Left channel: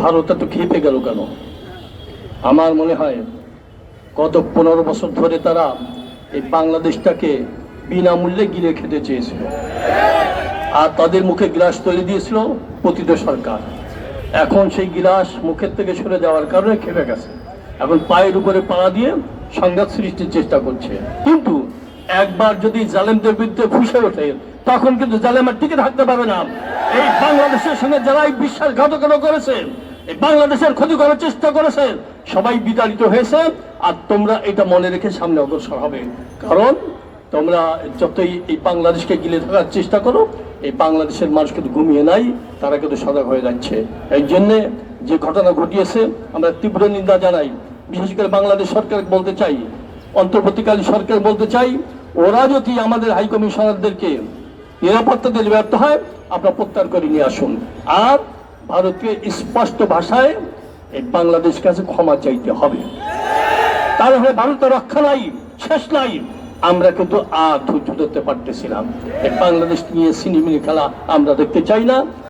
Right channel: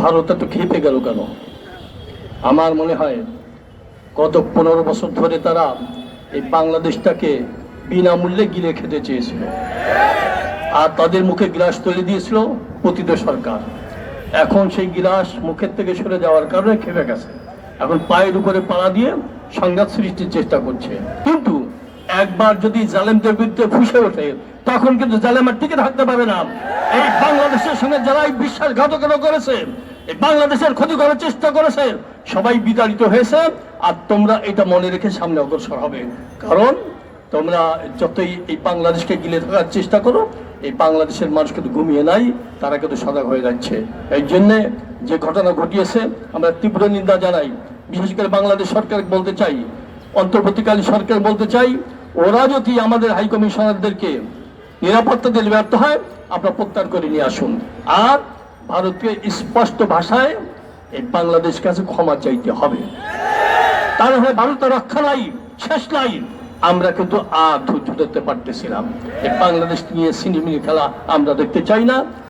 ভারত তো খেতে গেল কেন? আমার মনে হয় গত 15 বছর ধরে তারা এই বাংলাদেশটাকে বিনামূল্যে গিলে খেতে চেয়েছিল, আর তাদের মুখে গ্লাস তুলে দিয়েছিল পতিত সরকার। এখন সেই গ্লাস মুখের থেকে সরে যাওয়ার কারণে খেপে গেছে, এখন পায়ের উপরে পাড়া দিয়ে সংঘাত সৃষ্টির চেষ্টা করছে। কিন্তু একবার যদি জালেমদের বিরুদ্ধে ফুঁসে ওঠে, তখন কিন্তু জালেম আর টিকে থাকতে পারে না। এই বাংলাদেশের সঙ্গে যারাই বিশ্বাসঘাতকতা করেছে, এই বাংলাদেশের ক্ষতি করার চেষ্টা করেছে, সবাই বিতাড়িত হয়েছে। আর তোমরা এটা মনে রেখে সামনে অগ্রসর হবে, কারণ তোমরা যতই এই বাংলাদেশকে গিলে থাকার চেষ্টা করো, এই বাংলাদেশের মানুষ কিন্তু ঘুমিয়ে নাই, তারা কিন্তু সজাগ হয়ে যাচ্ছে। এই জন্যে যে ঘটনা ঘটিয়েছে আমরা তীব্র নিন্দা জানাই। বিশেষ করে বাংলাদেশ সরকার বলতে চাই, অন্তর্বর্তীকালীন সরকার বলতে চাই, ওরা যদি আমাদের হাই কমিশনারদেরকে নিরাপত্তা দিতে ব্যর্থ হয়, আপনারা প্রত্যাহার করে নিয়ে আসুন। আর ভারতকে স্পষ্ট ভাষায় এই বাংলাদেশ কাছে ক্ষমা চাইতে হবে, তাহলে ভারতের রক্ষা নাই, শেষ নাই। আমরা কিন্তু আর ধৈর্য ধরতে পারতেছিলাম। এই বাংলাদেশ নিয়ে সিনেমিনি খেলা আমরা দেখতে চাই না।